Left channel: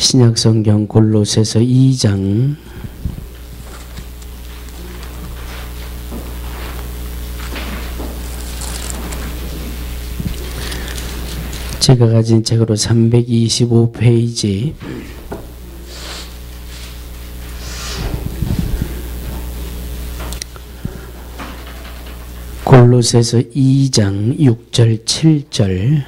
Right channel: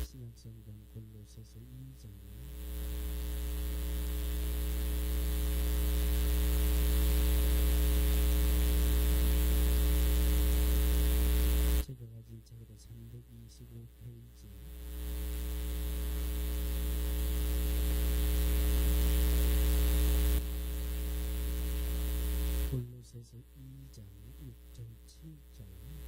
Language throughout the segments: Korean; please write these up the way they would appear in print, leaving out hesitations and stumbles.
신약성경 골로새서 2장 제가 가진 책으로 325페이지 골로새서 2장 6절 7절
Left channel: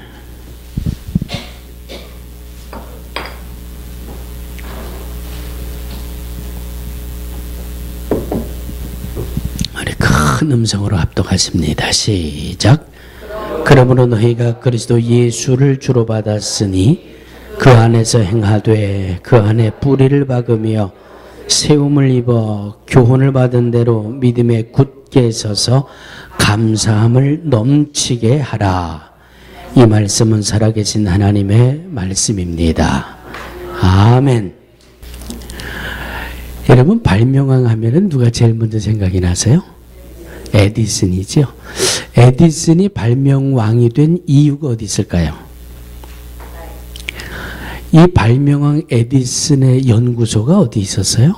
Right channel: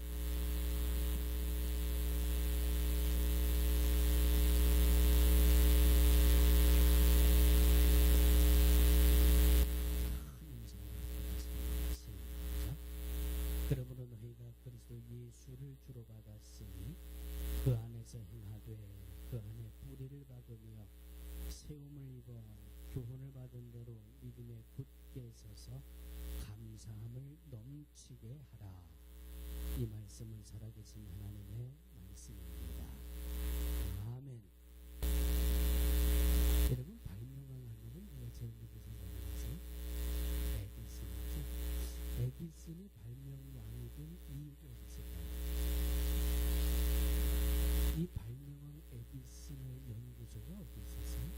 큰 음성으로 합독하십니다. 시작. 그러므로 너희가 그리스도 예수를 주로 받았으니 그 안에서 행하되 그 안에 뿌리를 박으며 세움을 입어 교훈을 받은 대로 믿음에 굳게 서서 감사함을 넘치게 하라. 이 말씀은 살아계신 하나님의 말씀입니다. 아멘. 여러분, 발명왕 하면은 누가 제일 먼저 생각이 나세요? 에디슨이죠. 에디슨이 발명왕이 된 이유가 어디 있을까요? 이 발명왕 에디슨의 연구소가 어디 있었어요?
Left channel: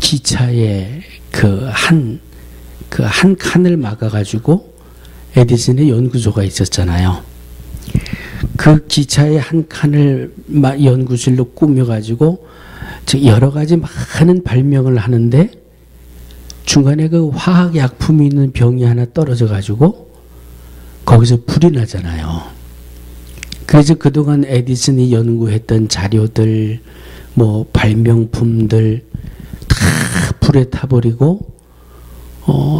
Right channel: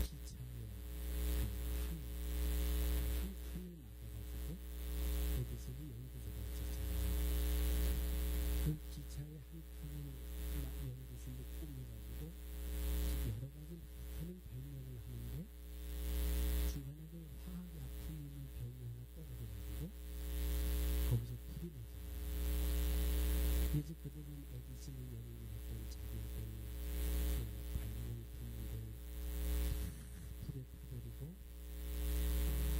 기차에 그 한 칸을 막아가지고 에디슨의 연구소가 있었잖아요. 그 기차의 한 칸을 연구실로 꾸며가지고 여러 가지 많은 발명을 하는데 중간에 그 화학약품이 있는 병이 하나 떨어져 가지고 거기서 불이 나잖아요. 그래서 그동안 에디슨이 연구했던 자료들, 뭐 발명품들 다 불에 타버리고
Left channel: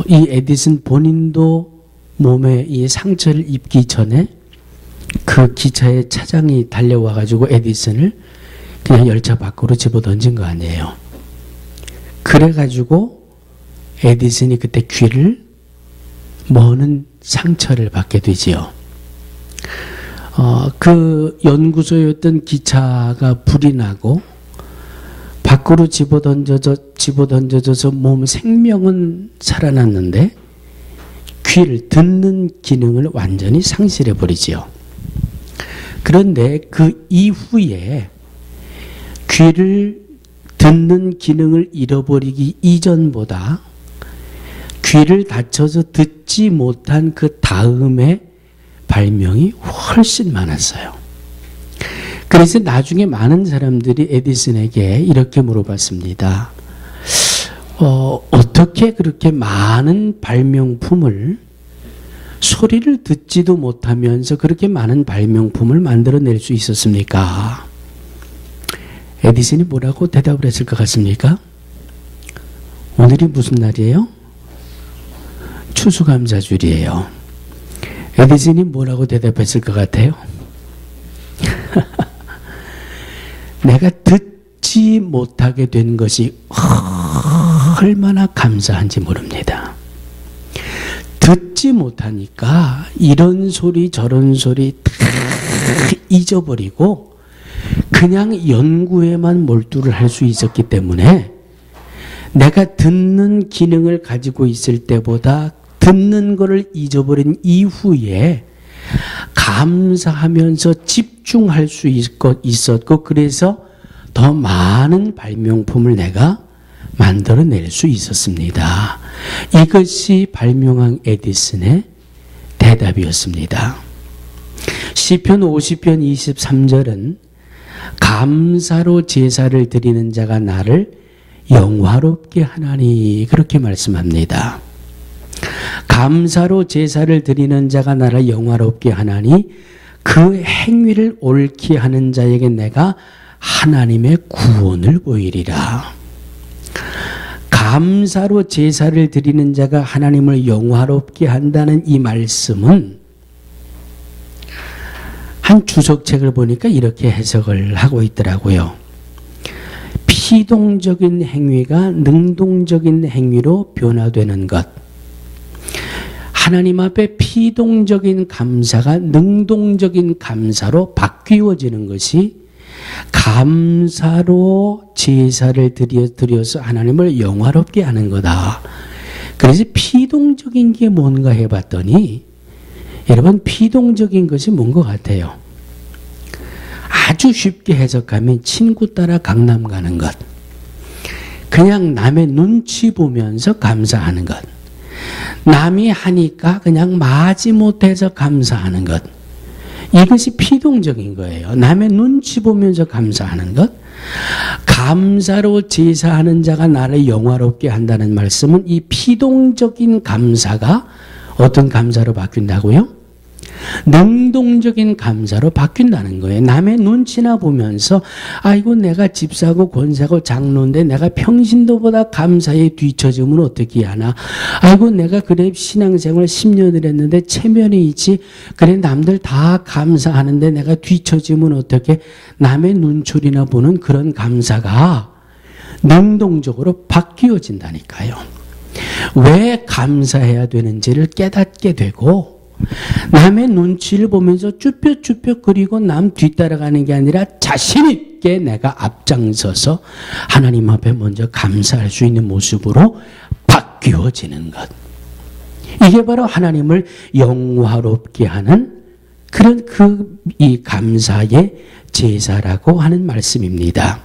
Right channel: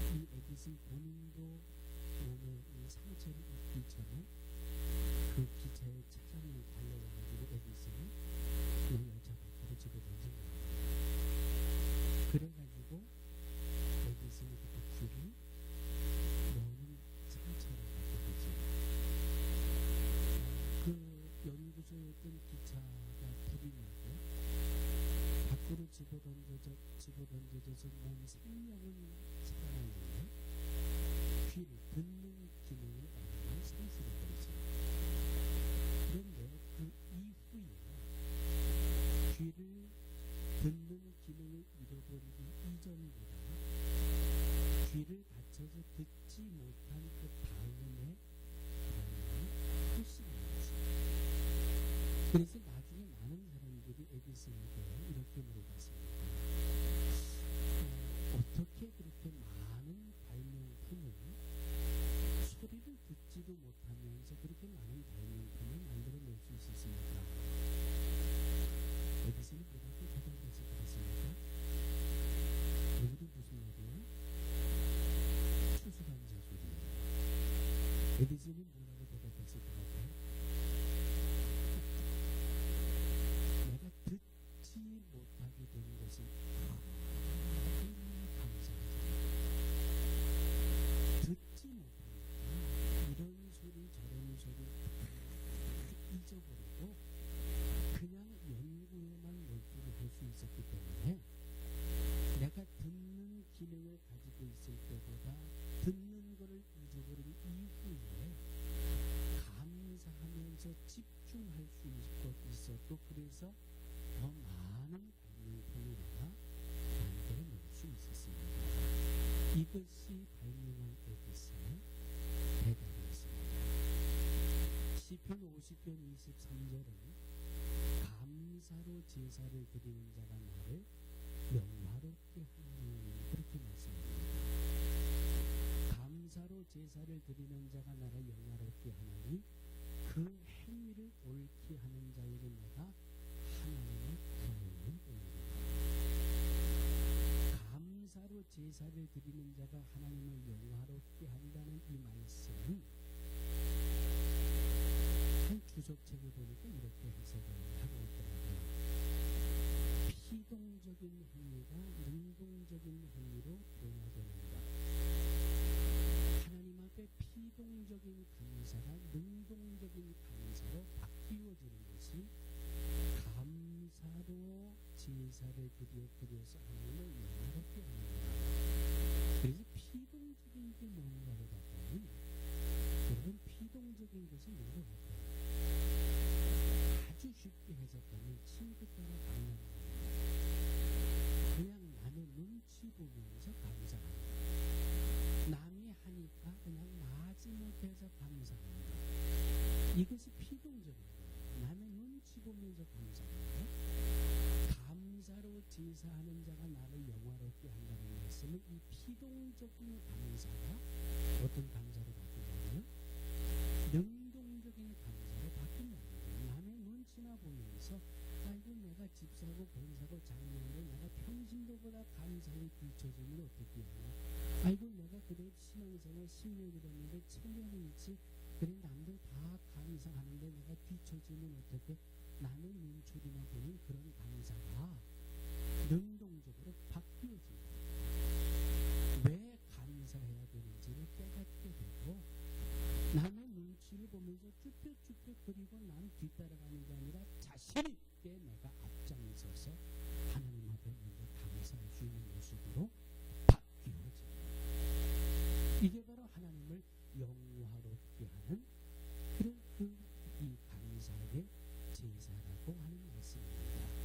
이 에디슨 본인도 몸에 이 상처를 입기 전에 그 기차의 차장이 달려와 가지고 에디슨을 그냥 열차 밖으로 집어던진 거 아니에요. 그래 가지고 에디슨이 그때 귀를 머는 상처를 받게 되지요. 그 연구소였던 기차가 불이 나고 밖으로 집어던져져서 몸 생명은 살아났는데 귀를 듣는 기능을 완전히 상실해 버리지요. 그런데 그 이후에 귀를 듣는 기능을 잃어버리기 이전보다 귀를 다쳐서 듣지 못한 그 다음에 발명이 훨씬 많았어요. 그래서 나중에 많은 사람들이 에디슨에게 이렇게 물어봤습니다. 어떻게 그렇게 많은 발명품을 소리를 듣지도 못하면서 그렇게 많은 발명품을 만들어낼 수 있었습니까? 에디슨이 뭐라고 대답을 했을 것 같습니까? 오늘이 무슨 날이에요? 추수감사절이에요. 에디슨이 뭐라고 대답했을 것 같아요? 내가 듣지 못하게 된 것이 얼마나 감사한지 모릅니다. 듣지 못하니까 이런 소리 저런 소리 다 잊어버리고 그냥 연구에만 몰두를 할 수 있었기 때문에 내가 듣는 기능을 가지고 있을 때보다 듣는 것을 잊어버린 이후에 감사하면서 집중할 수 있었고 그래서 더 많은 발명품을 내가 만들어낼 수 있었습니다. 이것이 발명왕 에디슨의 대답이었습니다. 시편 50편 23절은 감사로 제사를 드리는 자가 나를 영화롭게 하나니 그렇게 말씀합니다. 감사로 제사를 드리는 자가 나를 영화롭게 하나니 그 행위를 옳게 하는 자에게 내가 하나님의 구원을 보이리라. 감사로 제사를 드리는 자가 하나님을 영화롭게 한다는 이 말씀은 한 주석책을 보니까 이렇게 해석을 하고 있더라고요. 피동적인 행위가 능동적인 행위로 변화되는 것. 하나님 앞에 피동적인 감사가 능동적인 감사로 바뀌어지는 것이 감사로 제사를 드려서 하나님을 영화롭게 하는 거다. 그래서 피동적인 게 뭔가 해봤더니 여러분 피동적인 것이 뭔 것 같아요? 아주 쉽게 해석하면 친구 따라 강남 가는 것, 그냥 남의 눈치 보면서 감사하는 것, 남이 하니까 그냥 마지못해서 감사하는 것, 이것이 피동적인 거예요. 남의 눈치 보면서 감사하는 것. 감사로 제사하는 자가 나를 영화롭게 한다는 말씀은 이 피동적인 감사가 어떤 감사로 바뀐다고요? 능동적인 감사로 바뀐다는 거예요. 남의 눈치나 보면서 아이고 내가 집 사고 권 사고 장로인데 내가 평신도보다 감사에 뒤처지면 어떻게 하나, 아이고 내가 그래 신앙생활 10년을 했는데 체면이 있지, 그래 남들 다 감사하는데 내가 뒤처지면 어떻게, 남의 눈초리나 보는 그런 감사가 능동적으로 바뀌어진다니까요. 왜 감사해야 되는지를 깨닫게 되고, 남의 눈치를 보면서 쭈뼛쭈뼛 그리고 남 뒤따라가는 게 아니라 자신 있게 내가 앞장서서 하나님 앞에 먼저 감사할 수 있는 모습으로 바뀌어지는 것. 이게 바로 하나님을 영화롭게 하는 그런 이 감사의 제사라고 하는 말씀입니다.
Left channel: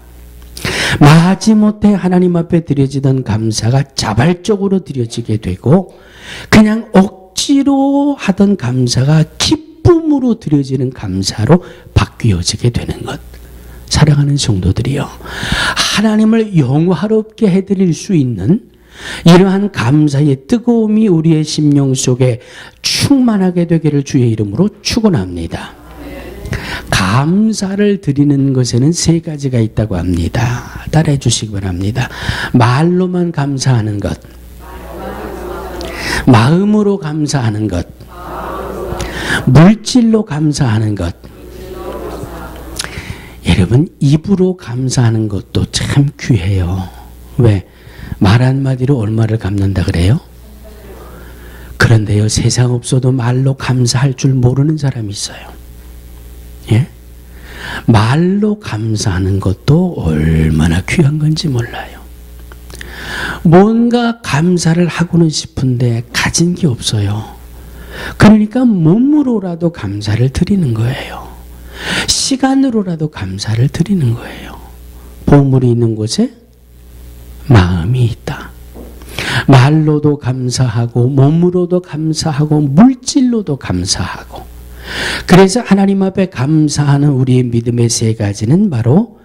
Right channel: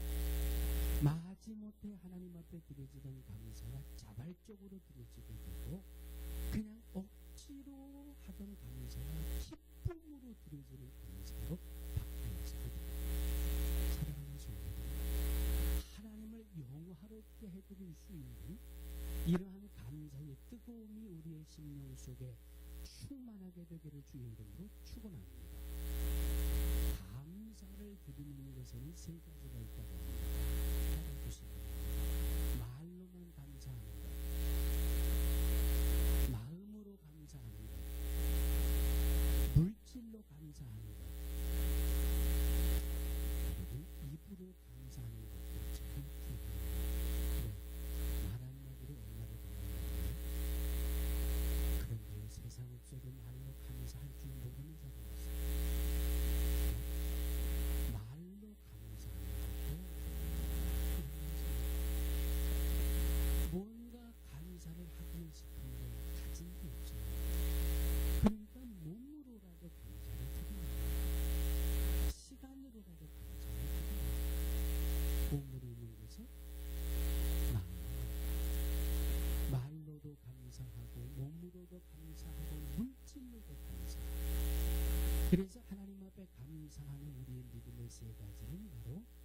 마지못해 하나님 앞에 드려지던 감사가 자발적으로 드려지게 되고, 그냥 억지로 하던 감사가 기쁨으로 드려지는 감사로 바뀌어지게 되는 것. 사랑하는 성도들이요, 하나님을 영화롭게 해드릴 수 있는 이러한 감사의 뜨거움이 우리의 심령 속에 충만하게 되기를 주의 이름으로 축원합니다. 감사를 드리는 것에는 세 가지가 있다고 합니다. 따라해 주시기 바랍니다. 말로만 감사하는 것, 마음으로 감사하는 것, 물질로 감사하는 것. 여러분, 입으로 감사하는 것도 참 귀해요. 왜? 말 한마디로 얼마를 갚는다 그래요? 그런데요, 세상 없어도 말로 감사할 줄 모르는 사람이 있어요. 예? 말로 감사하는 것도 얼마나 귀한 건지 몰라요. 뭔가 감사를 하고는 싶은데 가진 게 없어요. 그러니까 몸으로라도 감사를 드리는 거예요. 시간으로라도 감사를 드리는 거예요. 보물이 있는 곳에 마음이 있다. 말로도 감사하고 몸으로도 감사하고 물질로도 감사하고. 그래서 하나님 앞에 감사하는 우리의 믿음의 세 가지는 바로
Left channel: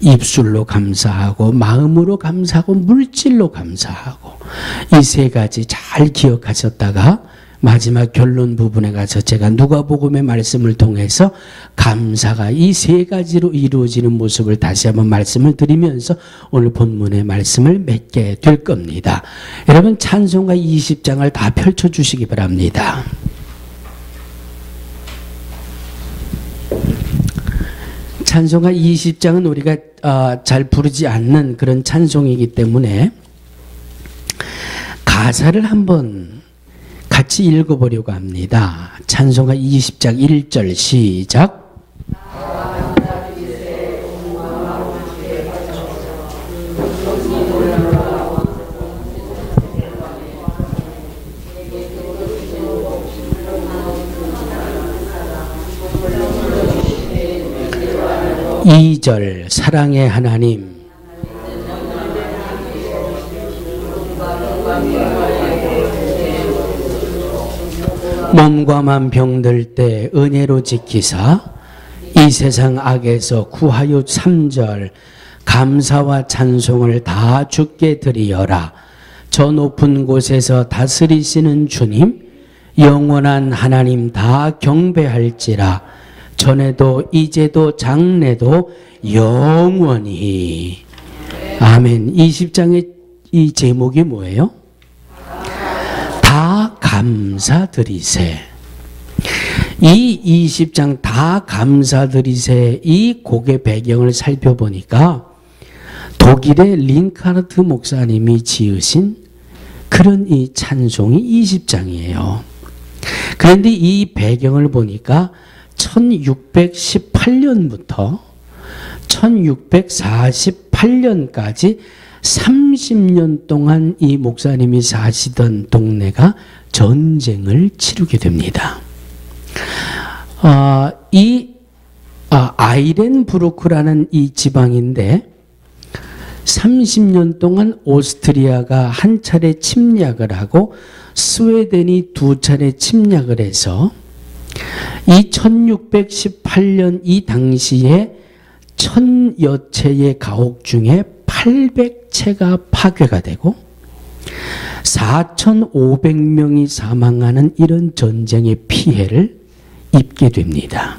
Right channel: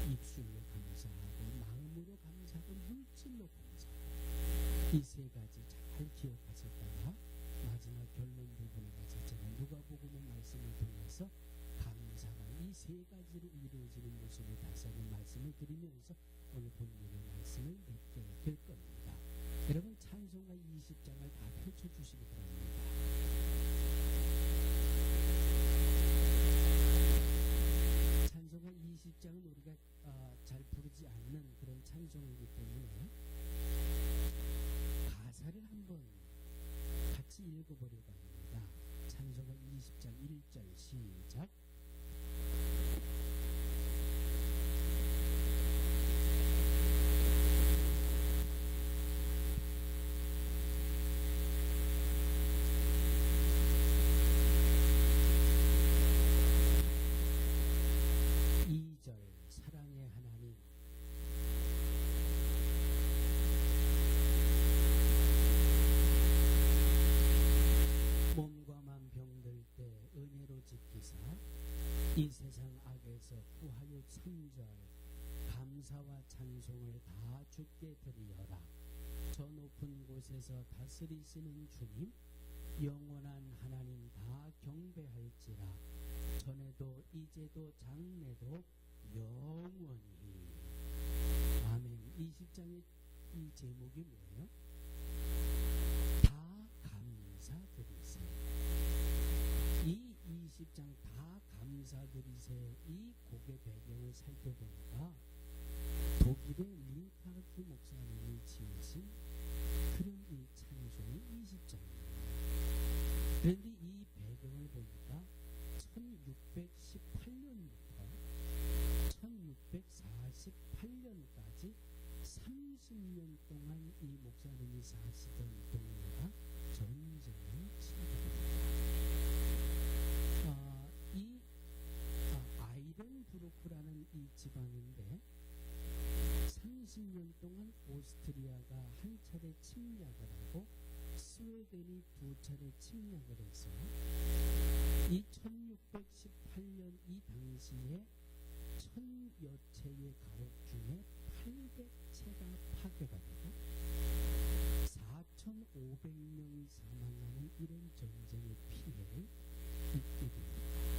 입술로 감사하고 마음으로 감사하고 물질로 감사하고, 이 세 가지 잘 기억하셨다가 마지막 결론 부분에 가서 제가 누가복음의 말씀을 통해서 감사가 이 세 가지로 이루어지는 모습을 다시 한번 말씀을 드리면서 오늘 본문의 말씀을 맺게 될 겁니다. 여러분, 찬송가 20장을 다 펼쳐주시기 바랍니다. 찬송가 20장은 우리가 잘 부르지 않는 그런 찬송이기 때문에 가사를 한번 같이 읽어보려고 합니다. 찬송가 20장 1절 시작. 이 절 사랑의 하나님, 몸과 맘 병들 때 은혜로 지키사 이 세상 악에서 구하여 3절 감사와 찬송을 다 주께 드리어라. 저 높은 곳에서 다스리시는 주님, 영원한 하나님 다 경배할지라. 전에도 이제도 장래도 영원히. 아멘. 20장의 이 제목이 뭐예요? 다 감사드리세. 이 20장 다 감사드리세, 이 곡의 배경을 살펴보니까 독일의 링카르트 목사님이 지으신 그런 이 찬송이 20장이에요. 그런데 이 배경을 보니까 1618년부터 1648년까지 30년 동안 이 목사님이 사시던 동네가 전쟁을 치르게 됩니다. 이 아이렌부르크라는 이 지방인데 30년 동안 오스트리아가 한 차례 침략을 하고 스웨덴이 두 차례 침략을 해서 이 1618년 이 당시에 1000여 채의 가옥 중에 800채가 파괴가 되고 4,500명이 사망하는 이런 전쟁의 피해를 입게 됩니다.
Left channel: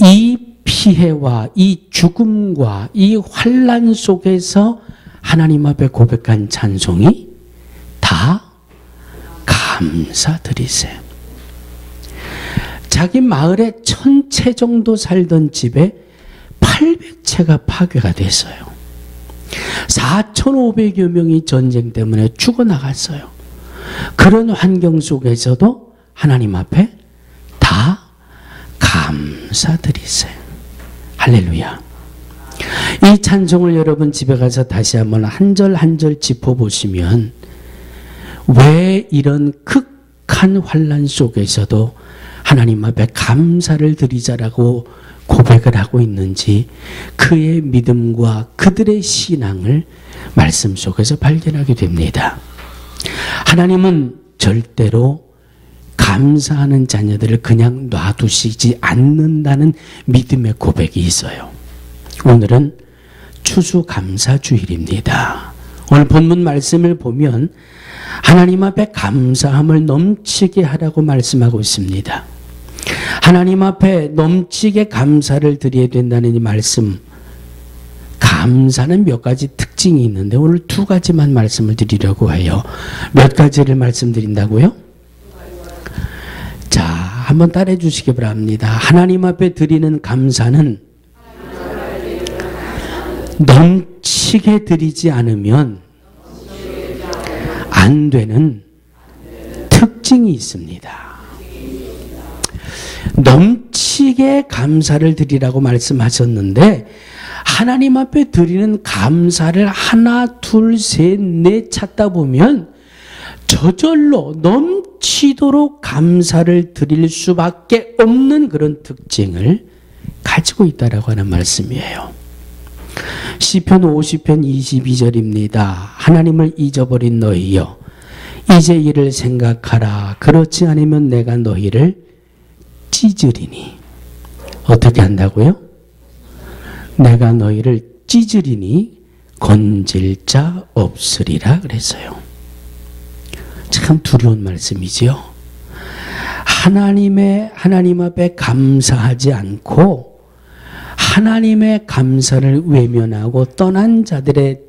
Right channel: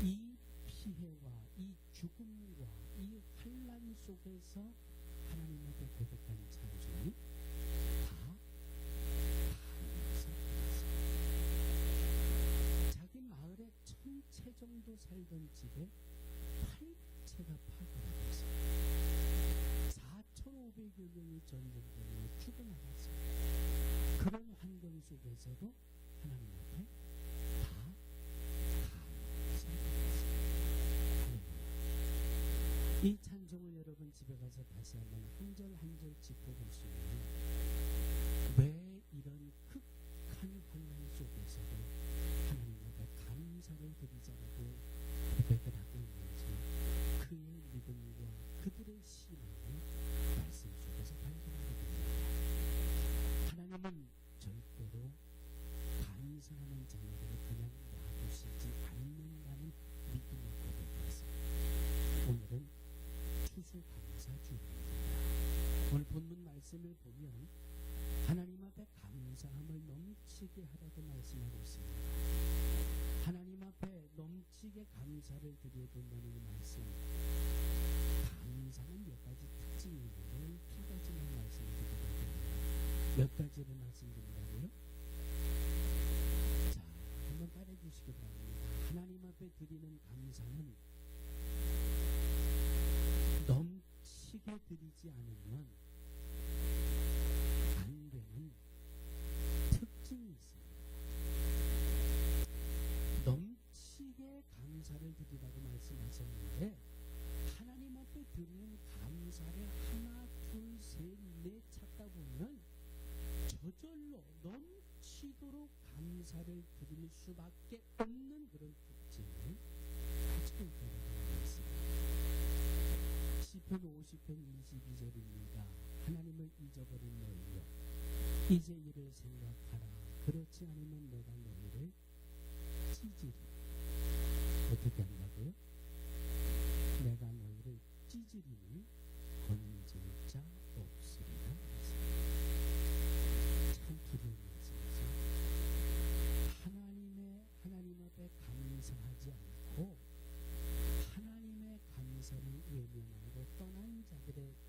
이 피해와 이 죽음과 이 환난 속에서 하나님 앞에 고백한 찬송이 다 감사드리세. 자기 마을에 1000채 정도 살던 집에 800채가 파괴가 됐어요. 4,500여 명이 전쟁 때문에 죽어나갔어요. 그런 환경 속에서도 하나님 앞에 다 감사드리세요. 할렐루야. 이 찬송을 여러분 집에 가서 다시 한번 한 절 한 절 짚어보시면 왜 이런 극한 환난 속에서도 하나님 앞에 감사를 드리자라고 고백을 하고 있는지 그의 믿음과 그들의 신앙을 말씀 속에서 발견하게 됩니다. 하나님은 절대로 감사하는 자녀들을 그냥 놔두시지 않는다는 믿음의 고백이 있어요. 오늘은 추수감사주일입니다. 오늘 본문 말씀을 보면 하나님 앞에 감사함을 넘치게 하라고 말씀하고 있습니다. 하나님 앞에 넘치게 감사를 드려야 된다는 이 말씀, 감사는 몇 가지 특징이 있는데 오늘 두 가지만 말씀을 드리려고 해요. 몇 가지를 말씀드린다고요? 자, 한번 따라해 주시기 바랍니다. 하나님 앞에 드리는 감사는 넘치게 드리지 않으면 안 되는 특징이 있습니다. 넘치게 감사를 드리라고 말씀하셨는데 하나님 앞에 드리는 감사를 하나, 둘, 셋, 넷 찾다 보면 저절로 넘치도록 감사를 드릴 수밖에 없는 그런 특징을 가지고 있다라고 하는 말씀이에요. 시편 50편 22절입니다. 하나님을 잊어버린 너희여 이제 이를 생각하라. 그렇지 않으면 내가 너희를 찢으리니. 어떻게 한다고요? 내가 너희를 찢으리니 건질 자 없으리라 그랬어요. 참 두려운 말씀이지요. 하나님 앞에 감사하지 않고 하나님의 감사를 외면하고 떠난 자들의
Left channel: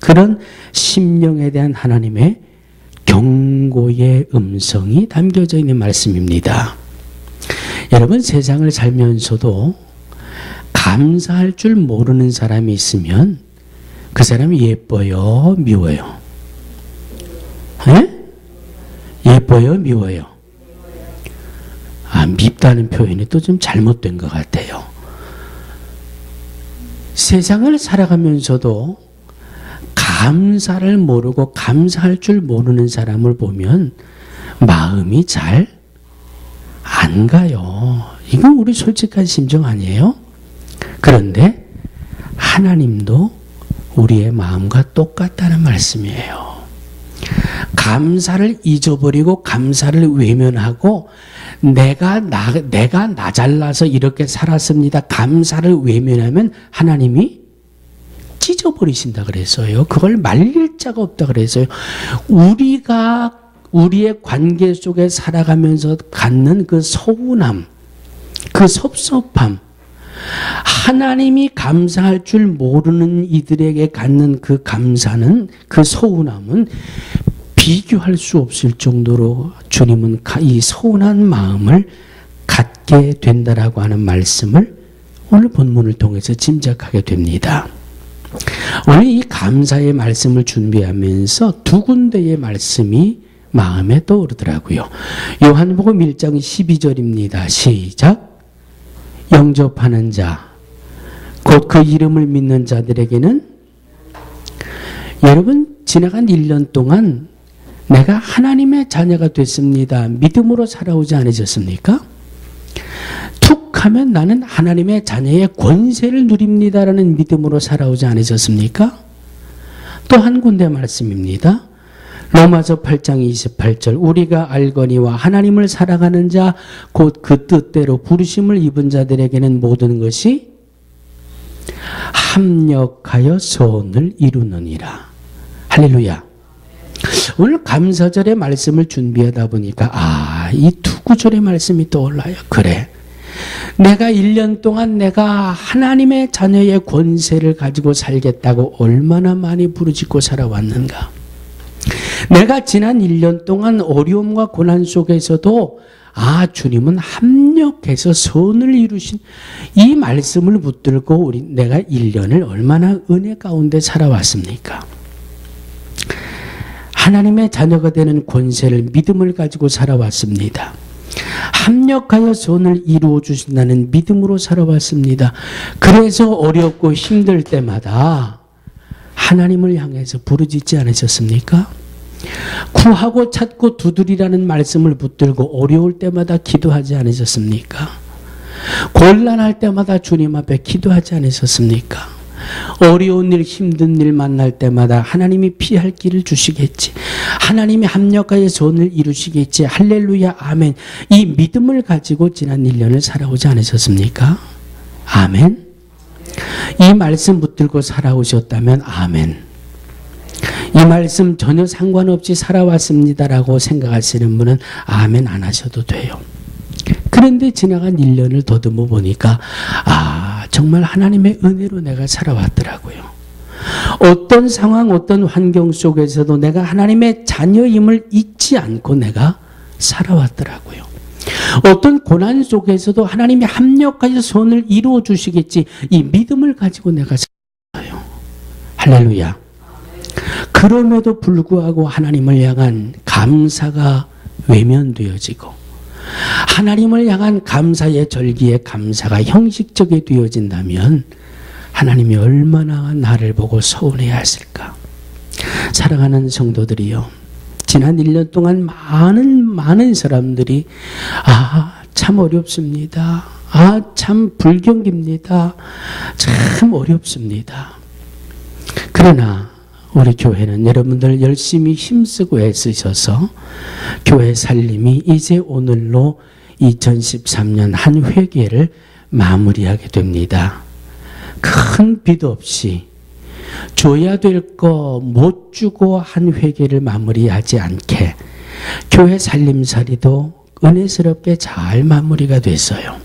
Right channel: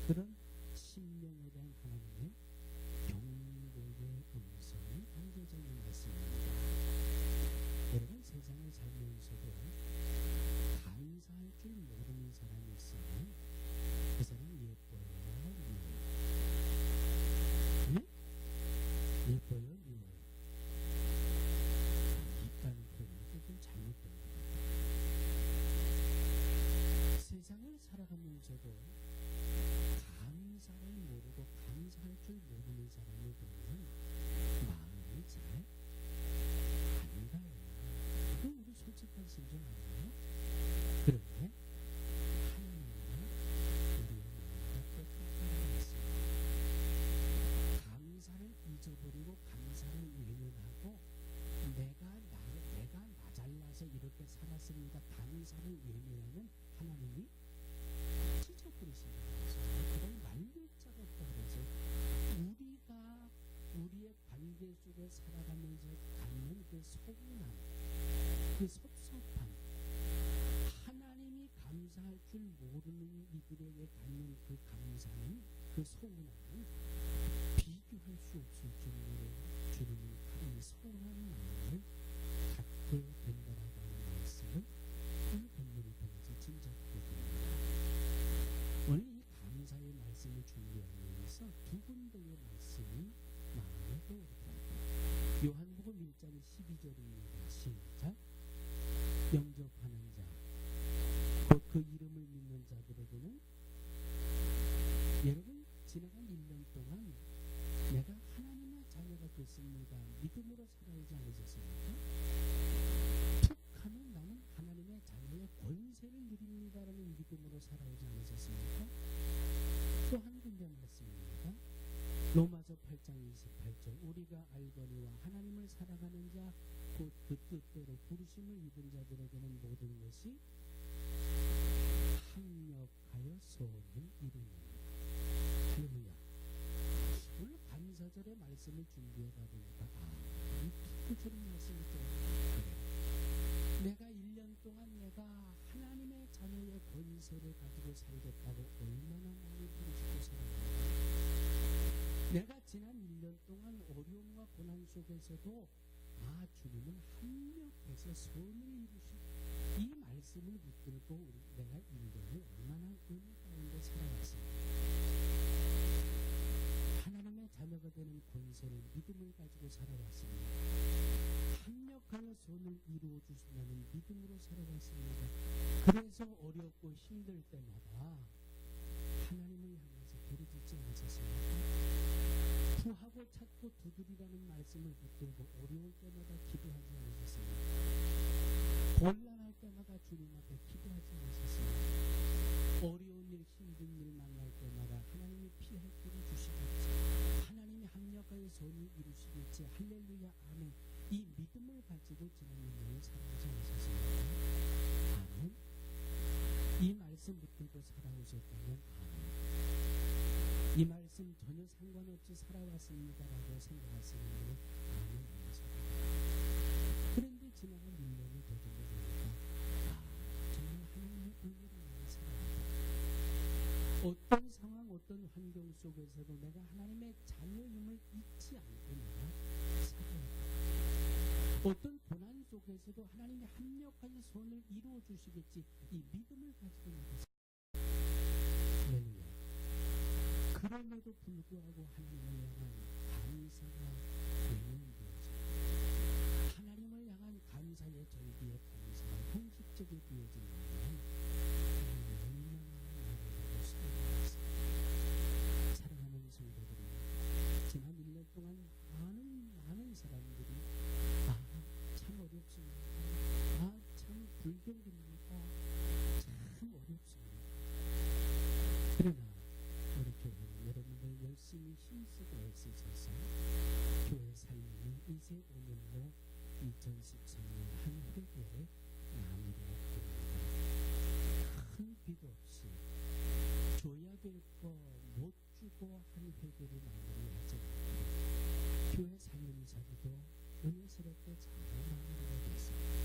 그런 심령에 대한 하나님의 경고의 음성이 담겨져 있는 말씀입니다. 여러분, 세상을 살면서도 감사할 줄 모르는 사람이 있으면 그 사람이 예뻐요, 미워요? 에? 예뻐요, 미워요? 밉다는 표현이 또 좀 잘못된 것 같아요. 세상을 살아가면서도 감사를 모르고 감사할 줄 모르는 사람을 보면 마음이 잘 안 가요. 이건 우리 솔직한 심정 아니에요? 그런데 하나님도 우리의 마음과 똑같다는 말씀이에요. 감사를 잊어버리고 감사를 외면하고 내가 나 잘나서 이렇게 살았습니다. 감사를 외면하면 하나님이 찢어버리신다 그랬어요. 그걸 말릴 자가 없다 그랬어요. 우리가 우리의 관계 속에 살아가면서 갖는 그 서운함, 그 섭섭함, 하나님이 감사할 줄 모르는 이들에게 갖는 그 감사는, 그 서운함은 비교할 수 없을 정도로 주님은 이 서운한 마음을 갖게 된다라고 하는 말씀을 오늘 본문을 통해서 짐작하게 됩니다. 오늘 이 감사의 말씀을 준비하면서 두 군데의 말씀이 마음에 떠오르더라고요. 요한복음 1장 12절입니다. 시작. 영접하는 자, 곧 그 이름을 믿는 자들에게는, 여러분 지나간 1년 동안 내가 하나님의 자녀가 됐습니다. 믿음으로 살아오지 않으셨습니까? 툭 하면 나는 하나님의 자녀의 권세를 누립니다라는 믿음으로 살아오지 않으셨습니까? 또 한 군데 말씀입니다. 로마서 8장 28절 우리가 알거니와 하나님을 사랑하는 자 곧 그 뜻대로 부르심을 입은 자들에게는 모든 것이 합력하여 소원을 이루느니라. 할렐루야. 오늘 감사절의 말씀을 준비하다 보니까 이 두 구절의 말씀이 떠올라요. 그래, 내가 1년 동안 내가 하나님의 자녀의 권세를 가지고 살겠다고 얼마나 많이 부르짖고 살아왔는가. 내가 지난 1년 동안 어려움과 고난 속에서도 주님은 합력해서 선을 이루신 이 말씀을 붙들고 내가 1년을 얼마나 은혜 가운데 살아왔습니까? 하나님의 자녀가 되는 권세를 믿음을 가지고 살아왔습니다. 합력하여 선을 이루어 주신다는 믿음으로 살아왔습니다. 그래서 어렵고 힘들 때마다 하나님을 향해서 부르짖지 않으셨습니까? 구하고 찾고 두드리라는 말씀을 붙들고 어려울 때마다 기도하지 않으셨습니까? 곤란할 때마다 주님 앞에 기도하지 않으셨습니까? 어려운 일, 힘든 일 만날 때마다 하나님이 피할 길을 주시겠지. 하나님이 합력하여 선을 이루시겠지. 할렐루야, 아멘. 이 믿음을 가지고 지난 1년을 살아오지 않으셨습니까? 아멘. 이 말씀 붙들고 살아오셨다면 아멘. 이 말씀 전혀 상관없이 살아왔습니다라고 생각하시는 분은 아멘 안 하셔도 돼요. 그런데 지나간 1년을 더듬어 보니까 정말 하나님의 은혜로 내가 살아왔더라고요. 어떤 상황, 어떤 환경 속에서도 내가 하나님의 자녀임을 잊지 않고 내가 살아왔더라고요. 어떤 고난 속에서도 하나님이 합력하여 선을 이루어 주시겠지, 이 믿음을 가지고 내가 살아요. 할렐루야. 그럼에도 불구하고 하나님을 향한 감사가 외면되어지고 하나님을 향한 감사의 절기의 감사가 형식적이 되어진다면 하나님이 얼마나 나를 보고 서운해야 했을까. 사랑하는 성도들이요, 지난 1년 동안 많은 사람들이 참 어렵습니다. 참 불경기입니다. 참 어렵습니다. 그러나 우리 교회는 여러분들 열심히 힘쓰고 애쓰셔서 교회 살림이 이제 오늘로 2013년 한 회계를 마무리하게 됩니다. 큰 빚 없이 줘야 될 거 못 주고 한 회계를 마무리하지 않게 교회 살림살이도 은혜스럽게 잘 마무리가 됐어요.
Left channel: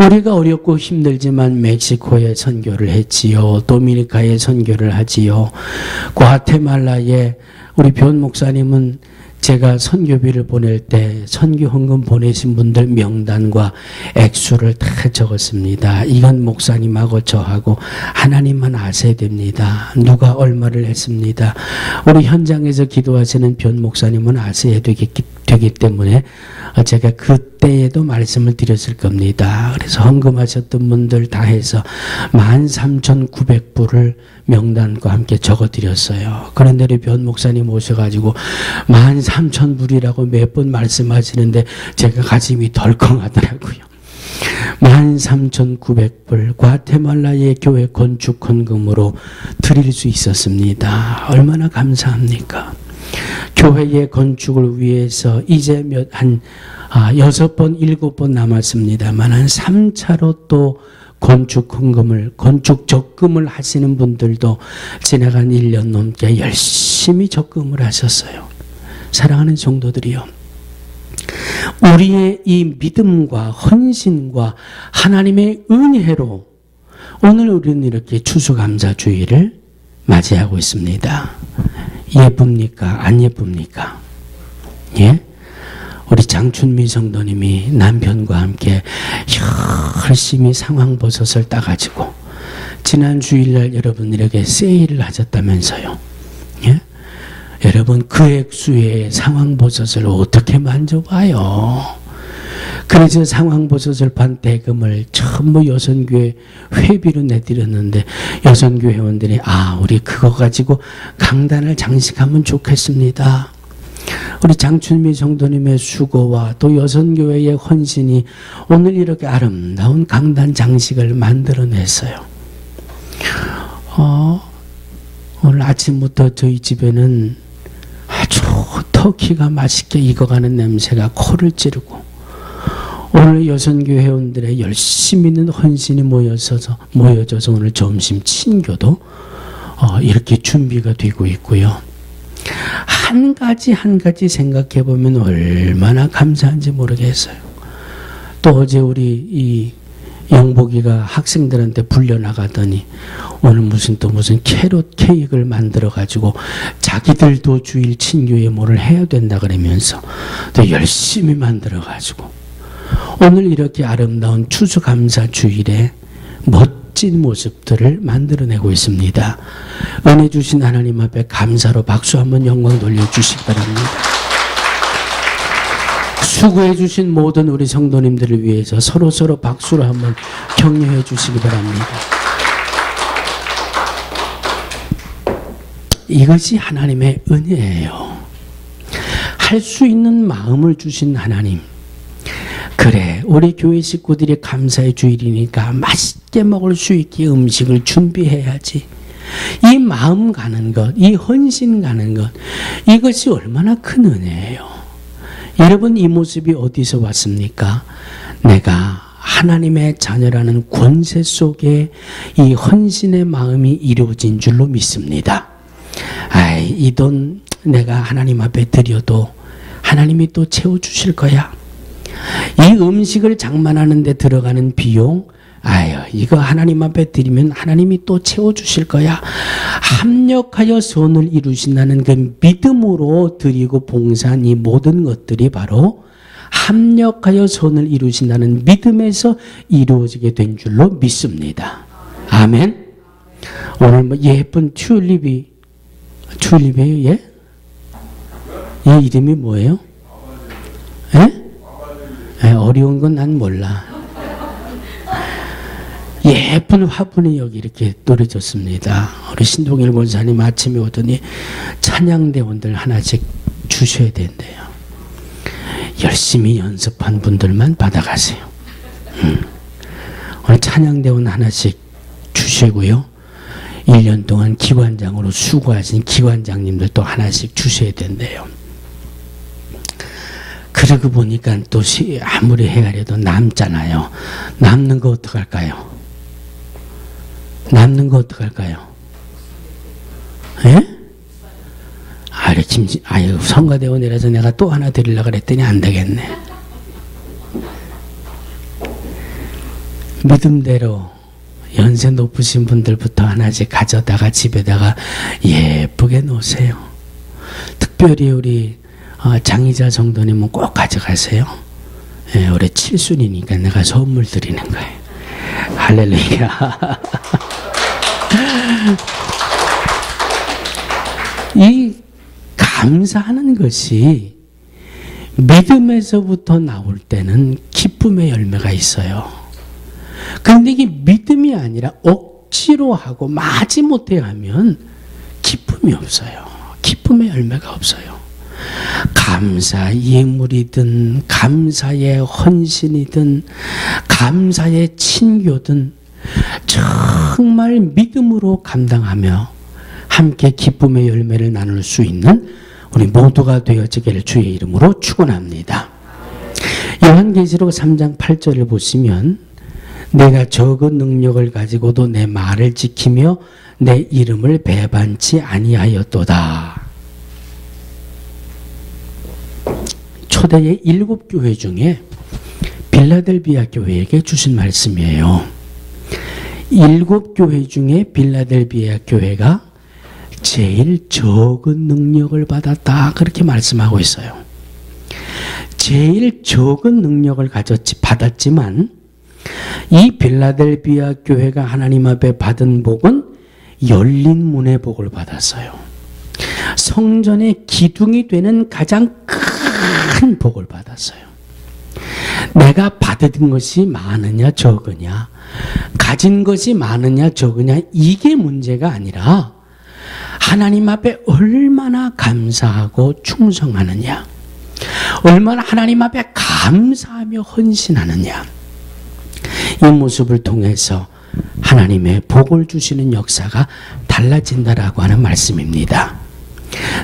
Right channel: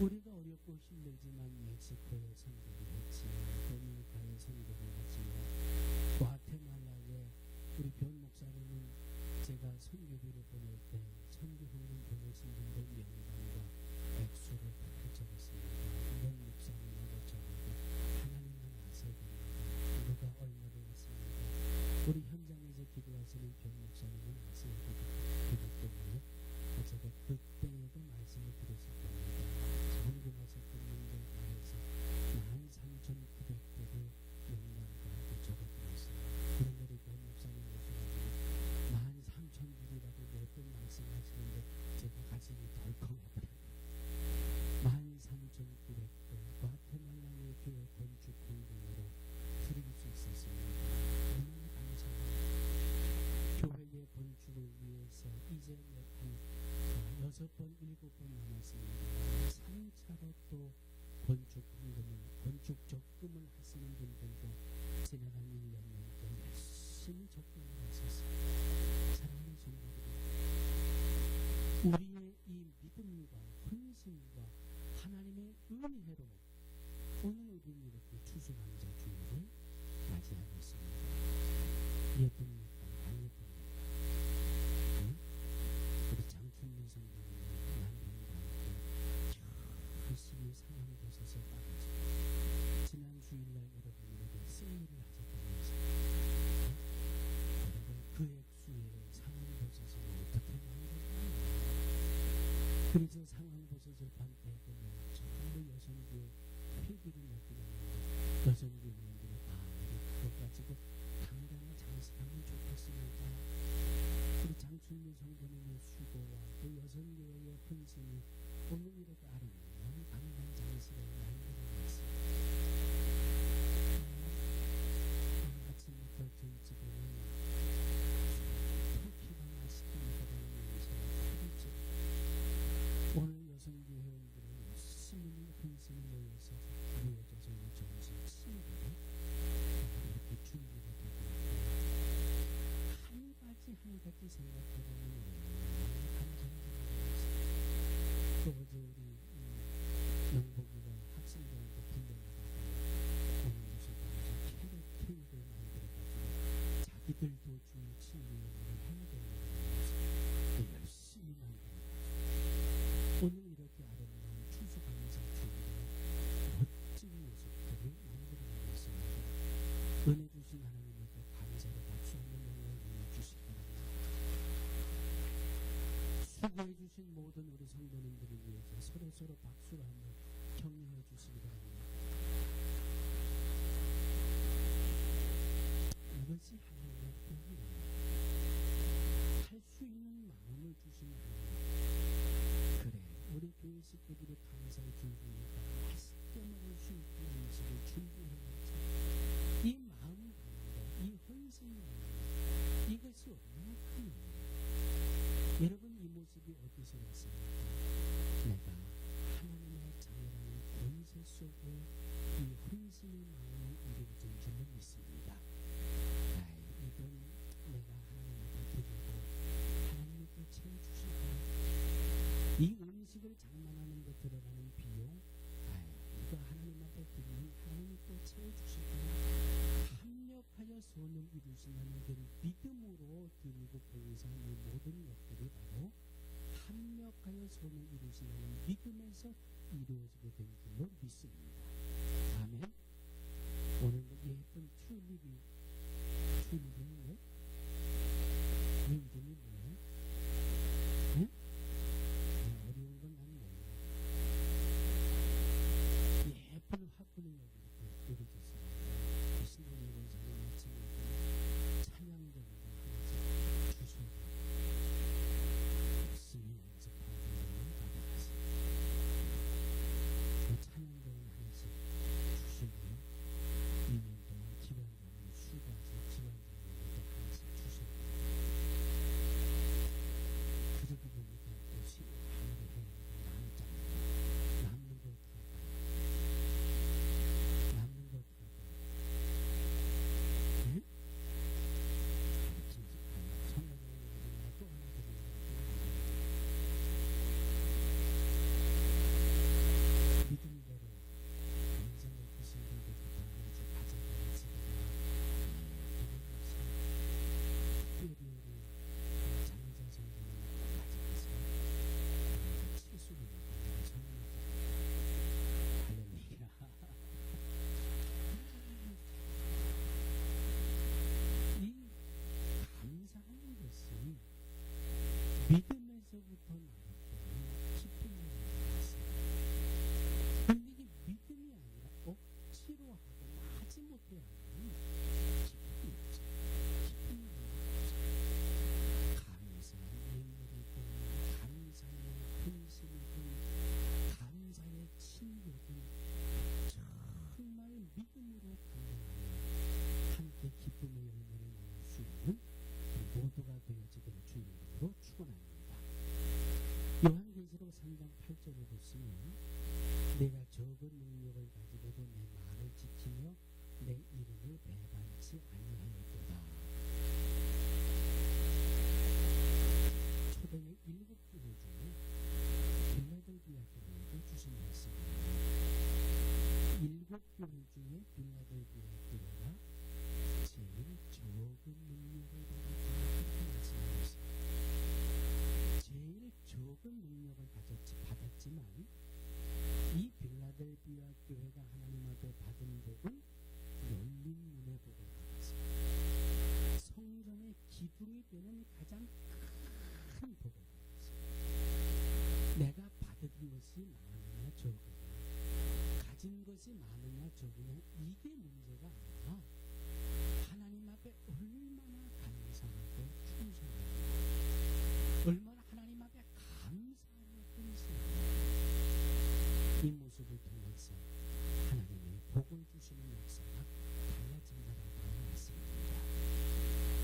우리가 어렵고 힘들지만 멕시코에 선교를 했지요. 도미니카에 선교를 하지요. 과테말라에 우리 변 목사님은 제가 선교비를 보낼 때 선교 헌금 보내신 분들 명단과 액수를 다 적었습니다. 이건 목사님하고 저하고 하나님만 아셔야 됩니다. 누가 얼마를 했습니다. 우리 현장에서 기도하시는 변 목사님은 아셔야 되기 때문에 제가 그때에도 말씀을 드렸을 겁니다. 그래서 헌금하셨던 분들 다 해서 13,900불을 명단과 함께 적어드렸어요. 그런데 우리 변 목사님 오셔가지고 13,000불이라고 몇 번 말씀하시는데 제가 가슴이 덜컹하더라고요. 13,900불 과테말라의 교회 건축 헌금으로 드릴 수 있었습니다. 얼마나 감사합니까? 교회의 건축을 위해서 이제 한 6번, 7번 남았습니다만 한 3차로 또 건축 헌금을, 건축 적금을 하시는 분들도 지나간 1년 넘게 열심히 적금을 하셨어요. 사랑하는 성도들이요, 우리의 이 믿음과 헌신과 하나님의 은혜로 오늘 우리는 이렇게 추수감사주의를 맞이하고 있습니다. 예쁩니까? 안 예쁩니까? 예? 우리 장춘미 성도님이 남편과 함께 열심히 상황버섯을 따가지고 지난 주일날 여러분들에게 세일을 하셨다면서요. 예? 여러분 그 액수의 상황버섯을 어떻게 만져봐요? 그래서 상황버섯을 판 대금을 전부 여선교회 회비로 내드렸는데 여선교회 회원들이 우리 그거 가지고 강단을 장식하면 좋겠습니다. 우리 장춘미 성도님의 수고와 또 여선교회의 헌신이 오늘 이렇게 아름다운 강단 장식을 만들어냈어요. 오늘 아침부터 저희 집에는 아주 터키가 맛있게 익어가는 냄새가 코를 찌르고, 오늘 여선교회 회원들의 열심히 있는 헌신이 모여져서 오늘 점심 친교도 이렇게 준비가 되고 있고요. 한 가지 생각해 보면 얼마나 감사한지 모르겠어요. 또 어제 우리 이 영복이가 학생들한테 불려나가더니 오늘 무슨 캐럿 케이크를 만들어 가지고 자기들도 주일 친교에 뭐를 해야 된다 그러면서 또 열심히 만들어 가지고 오늘 이렇게 아름다운 추수감사 주일에 멋진 모습들을 만들어내고 있습니다. 은혜 주신 하나님 앞에 감사로 박수 한번 영광 돌려주시기 바랍니다. 수고해 주신 모든 우리 성도님들을 위해서 서로 박수로 한번 격려해 주시기 바랍니다. 이것이 하나님의 은혜예요. 할 수 있는 마음을 주신 하나님. 그래, 우리 교회 식구들이 감사의 주일이니까 맛있게 먹을 수 있게 음식을 준비해야지. 이 마음 가는 것, 이 헌신 가는 것, 이것이 얼마나 큰 은혜예요. 여러분, 이 모습이 어디서 왔습니까? 내가 하나님의 자녀라는 권세 속에 이 헌신의 마음이 이루어진 줄로 믿습니다. 이 돈 내가 하나님 앞에 드려도 하나님이 또 채워주실 거야. 이 음식을 장만하는 데 들어가는 비용, 이거 하나님 앞에 드리면 하나님이 또 채워주실 거야. 합력하여 선을 이루신다는 그 믿음으로 드리고 봉사한 이 모든 것들이 바로 합력하여 선을 이루신다는 믿음에서 이루어지게 된 줄로 믿습니다. 아멘. 오늘 예쁜 튤립이에요, 예? 이 이름이 뭐예요? 예? 어려운 건 난 몰라. 예쁜 화분이 여기 이렇게 놓여졌습니다. 우리 신동일 권사님 아침에 오더니 찬양대원들 하나씩 주셔야 된대요. 열심히 연습한 분들만 받아가세요. 오늘 찬양대원 하나씩 주시고요. 1년 동안 기관장으로 수고하신 기관장님들도 하나씩 주셔야 된대요. 그러고 보니까 또 아무리 헤아려도 남잖아요. 남는 거 어떡할까요? 남는 거 어떡할까요? 예? 성가대원이라서 내가 또 하나 드리려고 그랬더니 안 되겠네. 믿음대로 연세 높으신 분들부터 하나씩 가져다가 집에다가 예쁘게 놓으세요. 특별히 우리 장희자 성도님은 꼭 가져가세요. 예, 올해 7순이니까 내가 선물 드리는 거예요. 할렐루야. 이 감사하는 것이 믿음에서부터 나올 때는 기쁨의 열매가 있어요. 그런데 이게 믿음이 아니라 억지로 하고 마지못해 하면 기쁨이 없어요. 기쁨의 열매가 없어요. 감사 예물이든 감사의 헌신이든 감사의 친교든 정말 믿음으로 감당하며 함께 기쁨의 열매를 나눌 수 있는 우리 모두가 되어지기를 주의 이름으로 축원합니다. 요한계시록 3장 8절을 보시면 내가 적은 능력을 가지고도 내 말을 지키며 내 이름을 배반치 아니하였도다. 초대의 7교회 중에 빌라델비아 교회에게 주신 말씀이에요. 7교회 중에 빌라델비아 교회가 제일 적은 능력을 받았다, 그렇게 말씀하고 있어요. 제일 적은 능력을 받았지만 이 빌라델비아 교회가 하나님 앞에 받은 복은 열린 문의 복을 받았어요. 성전의 기둥이 되는 가장 큰 복을 받았어요. 내가 받은 것이 많으냐 적으냐, 가진 것이 많으냐 적으냐, 이게 문제가 아니라 하나님 앞에 얼마나 감사하고 충성하느냐, 얼마나 하나님 앞에 감사하며 헌신하느냐, 이 모습을 통해서 하나님의 복을 주시는 역사가 달라진다라고 하는 말씀입니다.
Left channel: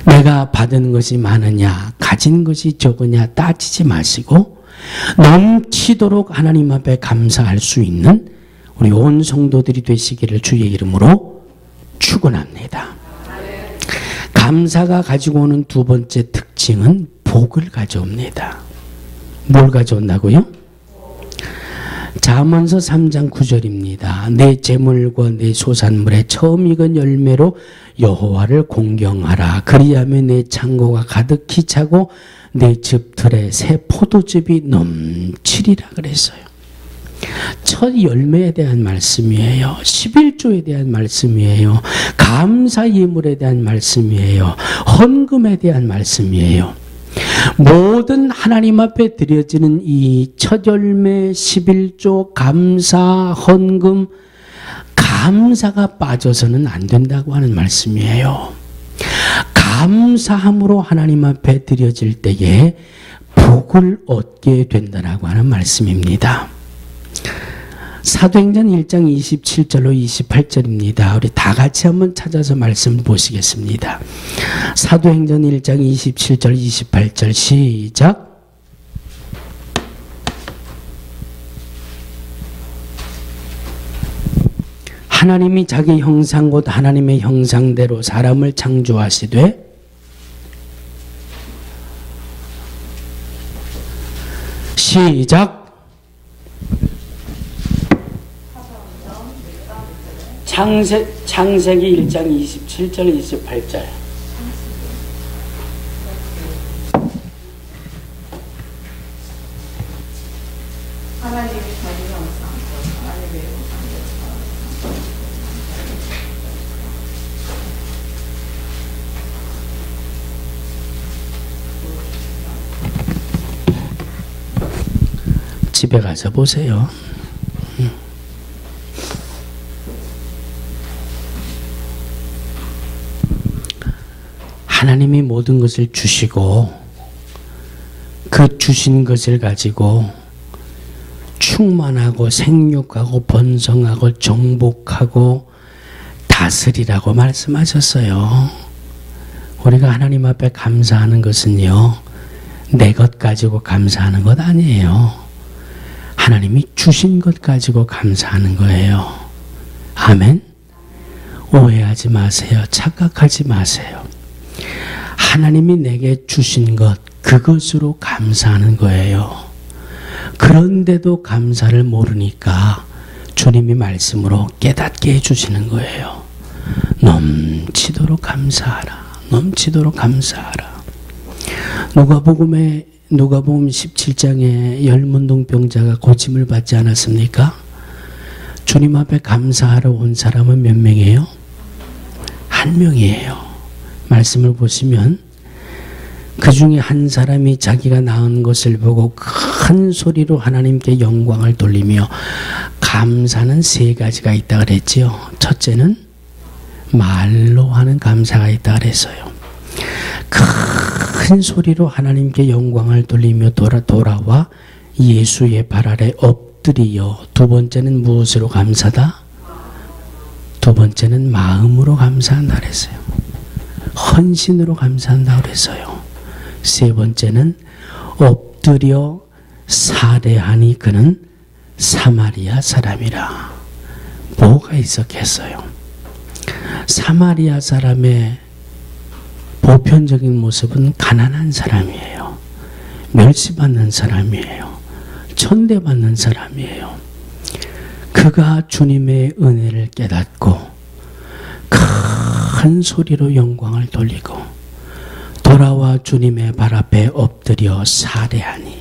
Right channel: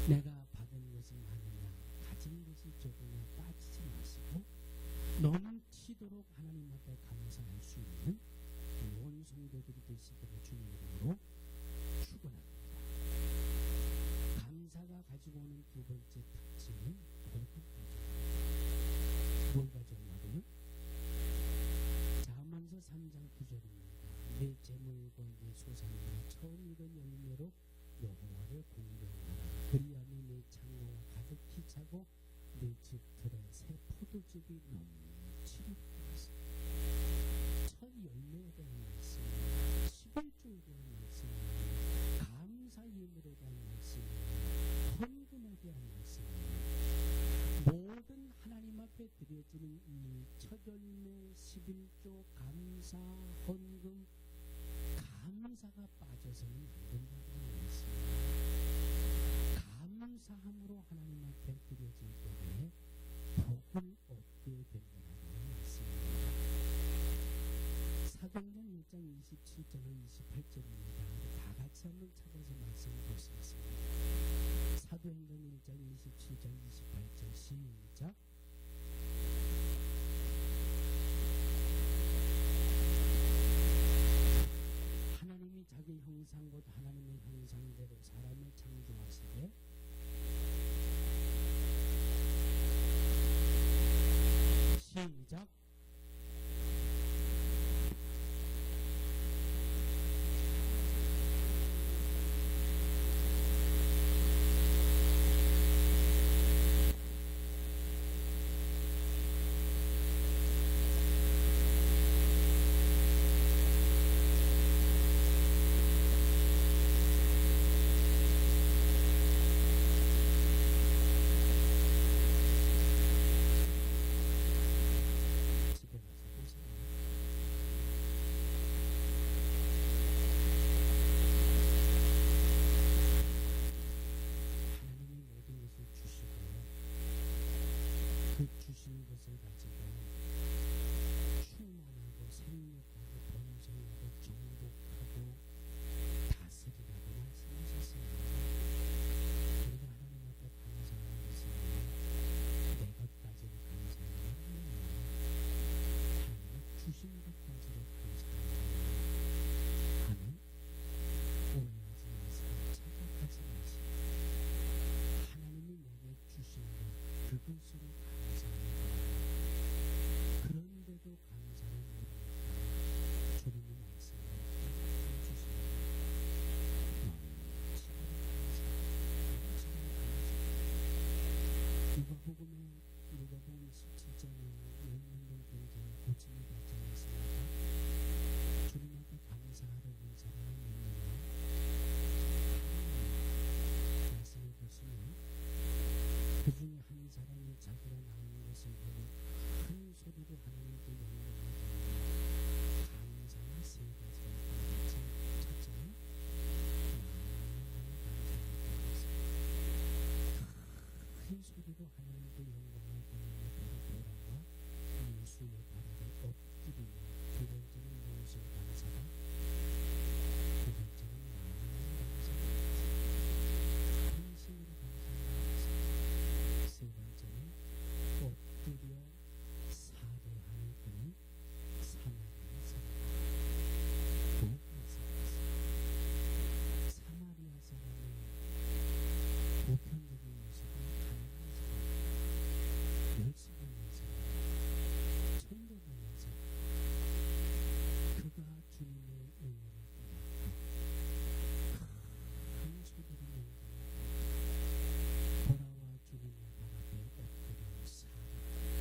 내가 받은 것이 많으냐 가진 것이 적으냐 따지지 마시고 넘치도록 하나님 앞에 감사할 수 있는 우리 온 성도들이 되시기를 주의 이름으로 축원합니다. 감사가 가지고 오는 두 번째 특징은 복을 가져옵니다. 뭘 가져온다고요? 잠언서 3장 9절입니다. 내 재물과 내 소산물의 처음 익은 열매로 여호와를 공경하라. 그리하면 내 창고가 가득히 차고 내 즙틀에 새 포도즙이 넘치리라 그랬어요. 첫 열매에 대한 말씀이에요. 11조에 대한 말씀이에요. 감사 예물에 대한 말씀이에요. 헌금에 대한 말씀이에요. 모든 하나님 앞에 드려지는 이 첫 열매, 11조, 감사, 헌금, 감사가 빠져서는 안 된다고 하는 말씀이에요. 감사함으로 하나님 앞에 드려질 때에 복을 얻게 된다라고 하는 말씀입니다. 사도행전 1장 27절로 28절입니다. 우리 다 같이 한번 찾아서 말씀 보시겠습니다. 사도행전 1장 27절 28절 시작. 하나님이 자기 형상 곧 하나님의 형상대로 사람을 창조하시되 시작. 창세기 1장 27절 28절. 집에 가서 보세요. 하나님이 모든 것을 주시고 그 주신 것을 가지고 충만하고 생육하고 번성하고 정복하고 다스리라고 말씀하셨어요. 우리가 하나님 앞에 감사하는 것은요, 내 것 가지고 감사하는 것 아니에요. 하나님이 주신 것 가지고 감사하는 거예요. 아멘. 오해하지 마세요. 착각하지 마세요. 하나님이 내게 주신 것, 그것으로 감사하는 거예요. 그런데도 감사를 모르니까 주님이 말씀으로 깨닫게 해주시는 거예요. 넘치도록 감사하라. 넘치도록 감사하라. 누가복음 17장에 열문동병자가 고침을 받지 않았습니까? 주님 앞에 감사하러 온 사람은 몇 명이에요? 한 명이에요. 말씀을 보시면 그 중에 한 사람이 자기가 낳은 것을 보고 큰 소리로 하나님께 영광을 돌리며 감사는 세 가지가 있다 그랬지요. 첫째는 말로 하는 감사가 있다 그랬어요. 큰 소리로 하나님께 영광을 돌리며 돌아와 예수의 발 아래 엎드리어. 두 번째는 무엇으로 감사다? 두 번째는 마음으로 감사한다 그랬어요. 헌신으로 감사한다 그랬어요. 세 번째는 엎드려 사례하니 그는 사마리아 사람이라. 뭐가 있었겠어요? 사마리아 사람의 보편적인 모습은 가난한 사람이에요. 멸시받는 사람이에요. 천대받는 사람이에요. 그가 주님의 은혜를 깨닫고 큰 소리로 영광을 돌리고 돌아와 주님의 발 앞에 엎드려 사례하니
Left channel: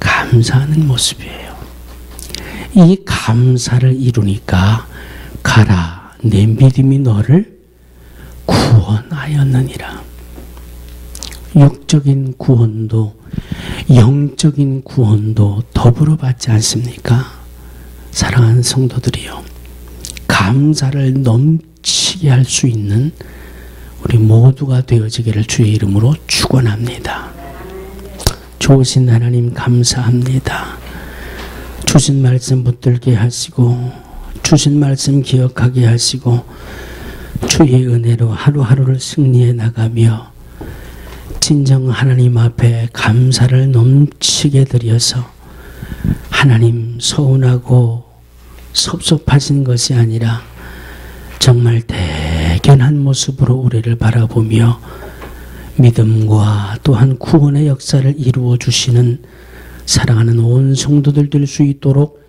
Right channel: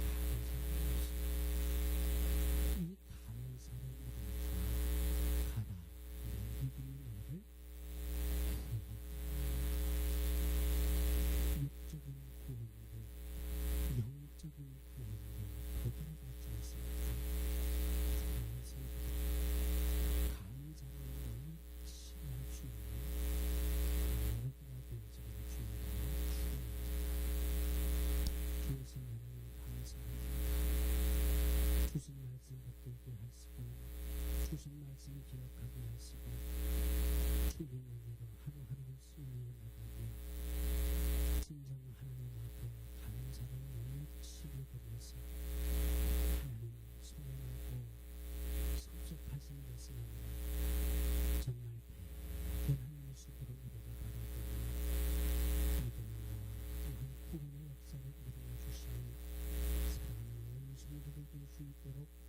감사하는 모습이에요. 이 감사를 이루니까 가라, 내 믿음이 너를 구원하였느니라. 육적인 구원도 영적인 구원도 더불어 받지 않습니까? 사랑하는 성도들이요, 감사를 넘치게 할 수 있는 우리 모두가 되어지기를 주의 이름으로 축원합니다. 좋으신 하나님 감사합니다. 주신 말씀 붙들게 하시고 주신 말씀 기억하게 하시고 주의 은혜로 하루하루를 승리해 나가며 진정 하나님 앞에 감사를 넘치게 드려서 하나님 서운하고 섭섭하신 것이 아니라 정말 대견한 모습으로 우리를 바라보며 믿음과 또한 구원의 역사를 이루어 주시는 사랑하는 온 성도들 될 수 있도록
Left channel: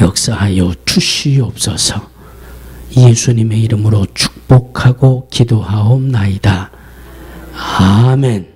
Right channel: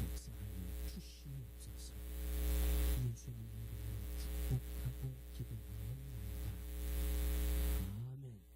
역사하여 주시옵소서. 예수님의 이름으로 축복하고 기도하옵나이다. 아멘.